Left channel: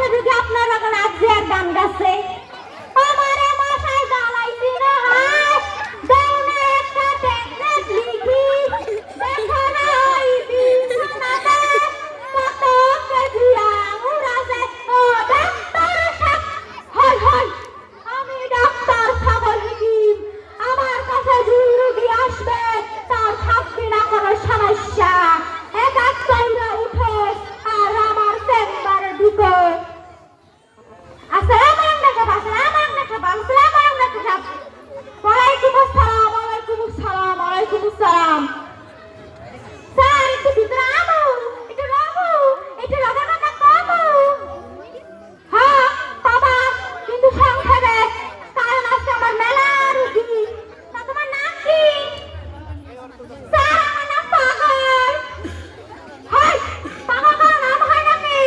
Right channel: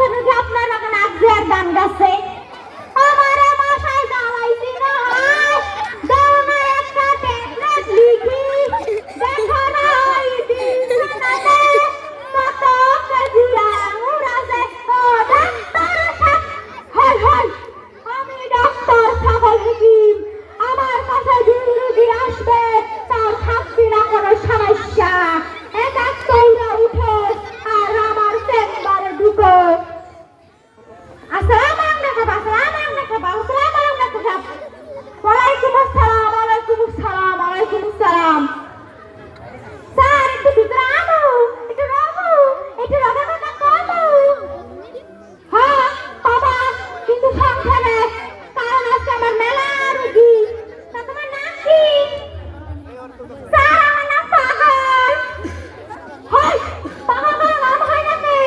পাশে যদি আপনার এখন আজকের গান গাছে আমারে মশাই জ্বালাইছি রে হাত দাও না একটা ট্যাবলেট লিখি দেখো না ওই দিন শোনাতে কত কেজি আঙুর আছে ও ডাক্তার হাই হাই আমি ডাক্তার ছাগল হাকিম আমার কাছে রুগী আসবে তার থাকবি না কোনো সমস্যা এক এক করে উঠো আর আমার চেম্বারে ঢুকো আসসালামু আলাইকুম ওয়ালাইকুম আসসালাম ওয়ালাইকুম আসসালাম স্যার একটু ভিতরে আমু একটু রাবু একটু রাগা কথা কমু হ্যাঁ বাবা কিন্তু সংখ্যাবে কারণ আজকে আমার মেলা রুগী তোমার নাম কি স্যার আমার নাম পাগল হয় পাগল নাম হয় নাকি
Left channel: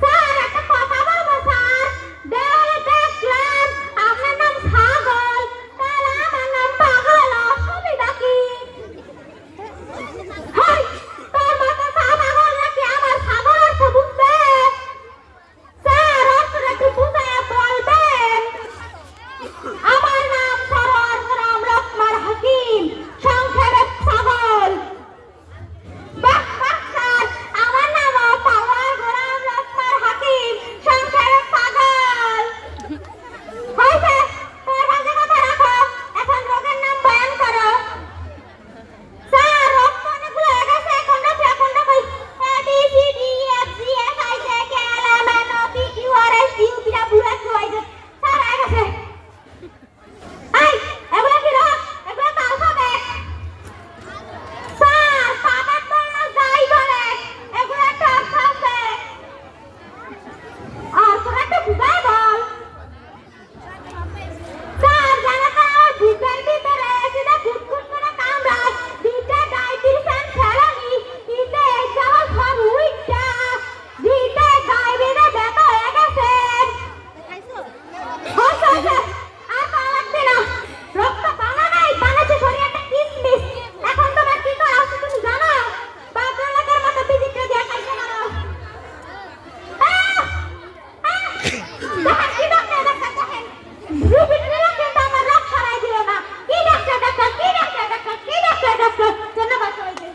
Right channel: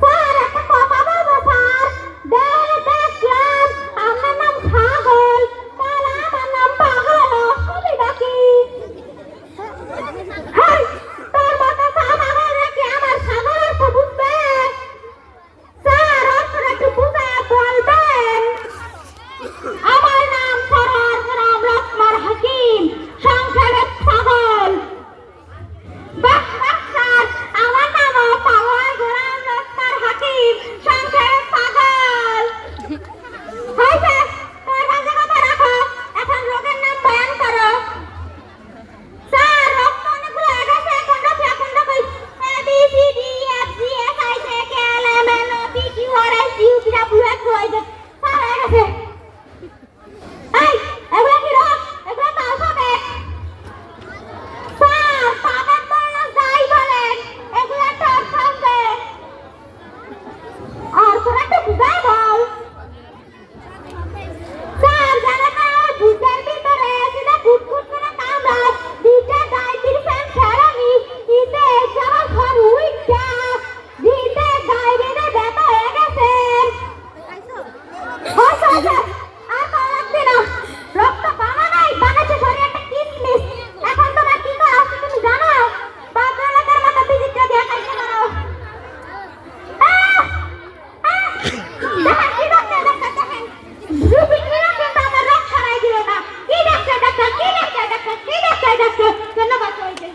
স্যার একটা কথা বলবো স্যার দেওয়ালে দেখলাম আপনার নাম ছাগল তাহলে আমার নাম পাগল অসুবিধা কি হেই তোর মতো পাগল নাকি আমার ছাগল অর্থ বুঝবে স্যার অর্থটা একটু বুঝে বলবেন আমার নাম সরোজ রাম লক্ষ্মণ হাকিম সংক্ষেপে ছাগল বাহ বাহ স্যার আমার নাম পাওয়াই গোলাম লক্ষ্মণ হাকিম সংক্ষেপে পাগল হয়েছে তোর কাছে কথা রাখো এখন রোগের নাম বয়ান করো স্যার রক্ত অনেকগুলো গেছে এখন কই A B C D F G H I J K L M N O P Q R S T U P W X Y Z sir হয়ে গেছে এই এগুলো কি রোগ এগুলো তো আলফাবেট স্যার পাবেন বললে যাই বলেন এগুলো একটা আলফাবেট আর তোরা তো বুঝাই বল স্যার জানা না ওই বুঝার ভিতরে সেটা ফুটফুট করে কামড়ায় দিতে ডায়াবেটিস ফেলানি দিতে যাওয়া ঘর উইটা দিতে ডায়াবেটিস ব্যথা হয়ে গেছে হয়েছে আর তো লাগবে না রক্ত কমা নাই বানাচ্ছে শরীরটা কিসমিস এখন তোমার কি করা আছে তুমি জানো বাচ্চাদের মতো বিজিটা দিয়ে খাইতে পারো দেখেন কি ডাক্তার দেখেন রুগী কি কিন্তু আমার রোগ সারাই দিল না কি ডাক্তার ধন্যবাদ সবাইকে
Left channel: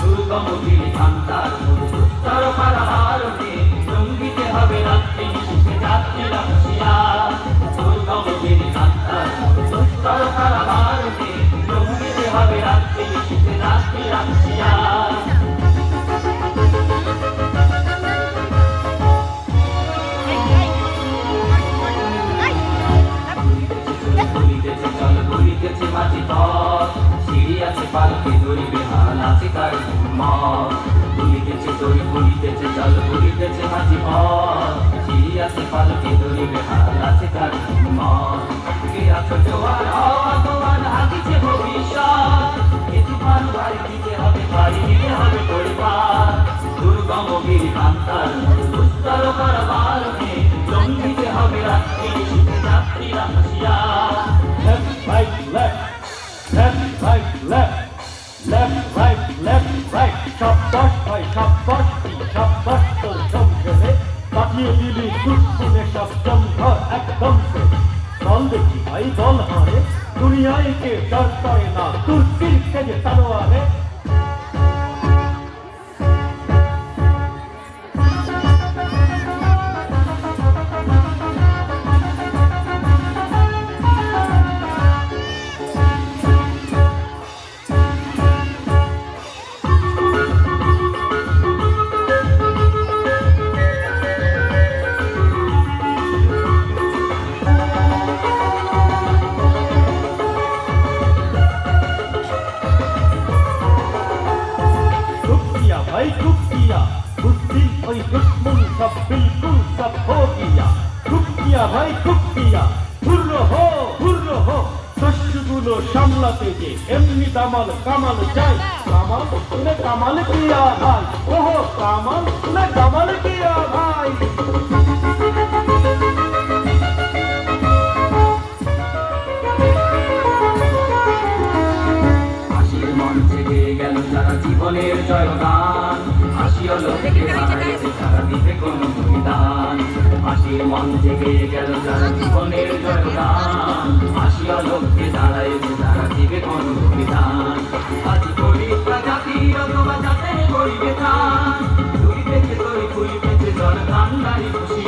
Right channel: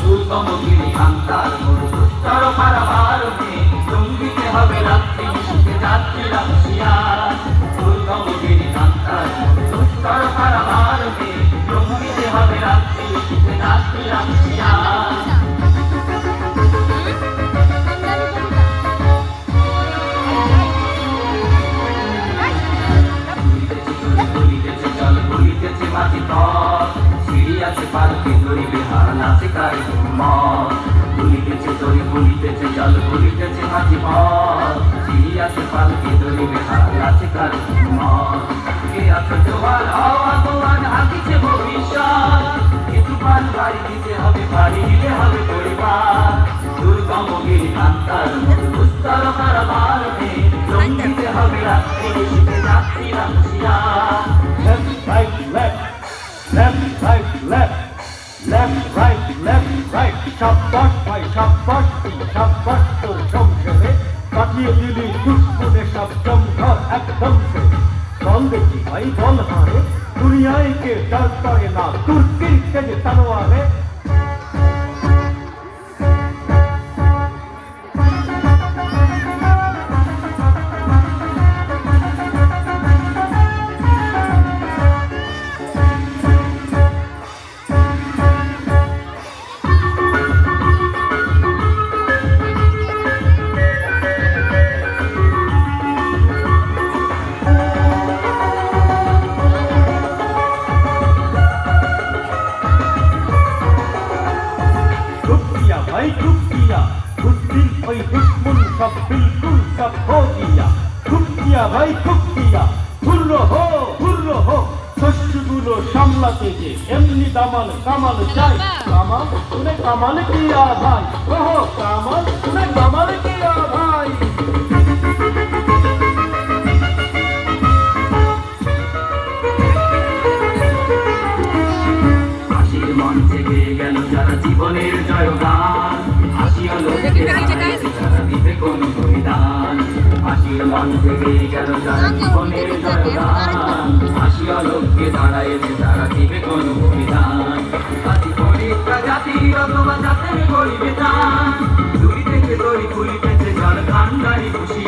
দুর্গমগিরি কান্তার চরকারা ভারতে জঙ্গিতে হবে রাত্রি সুখে যাত্রীরা হুঁশিয়ার দুর্গমগিরি কান্তার চরকারা ভারতে জঙ্গিতে হবে রাত্রি সুখে যাত্রীরা হুঁশিয়ার ভুলিতেছে মাঝি পথ সিঁড়ি আছে পালকি ধরি বেহাল আছে তার মত ভুলিতেছে দড়ি ভুলিতেছে জল ভুলিতেছে মাঝি পথ সিঁড়ি আছে পালকি ধরি বেহাল আছে তার মত কে আছে জোয়ার হাওয়া তোমার হাতিছে ভবিষ্যৎ কিছু পাল বাড়ি দিতে হবে বাড়ি দিতে হবে পরিবার দুর্গমগিরি কান্তার উত্তর ভারতে জঙ্গিতে হবে রাত্রি শীতে যাত্রীরা হুঁশিয়ার Left, right, left, right. Şapbaş, তোর সংক্ষেপে বাতিয়ে দিলি দুঃখে সপ্তম ঘর একদম চল দেখি ভাই বল হারে দুনিয়ায় কে ডর করে না তুর্কির কেজে তানোয়ারে सब बिल्कुल सब हो गया ठुक गया भाई ठुक गया हुर्रो हो শস্যগুলো সামলাতে যে এমনি দামাল কামাল চাই কামাল শুনে কামাল কিয়া ভাই ওহো কামাল শুনে কামাল কিয়া ভাই হাসির মঞ্চে গেয়ে গেল যারা জীবনের জয়গান দাঁড়াইছে তারা দিবে কোন অভিযান আজ পরীক্ষা জাতি অথবা জাতের করিবে তা ফুলিতেছে তরি ফুলিতেছে জল ঠান্ডারি খুশি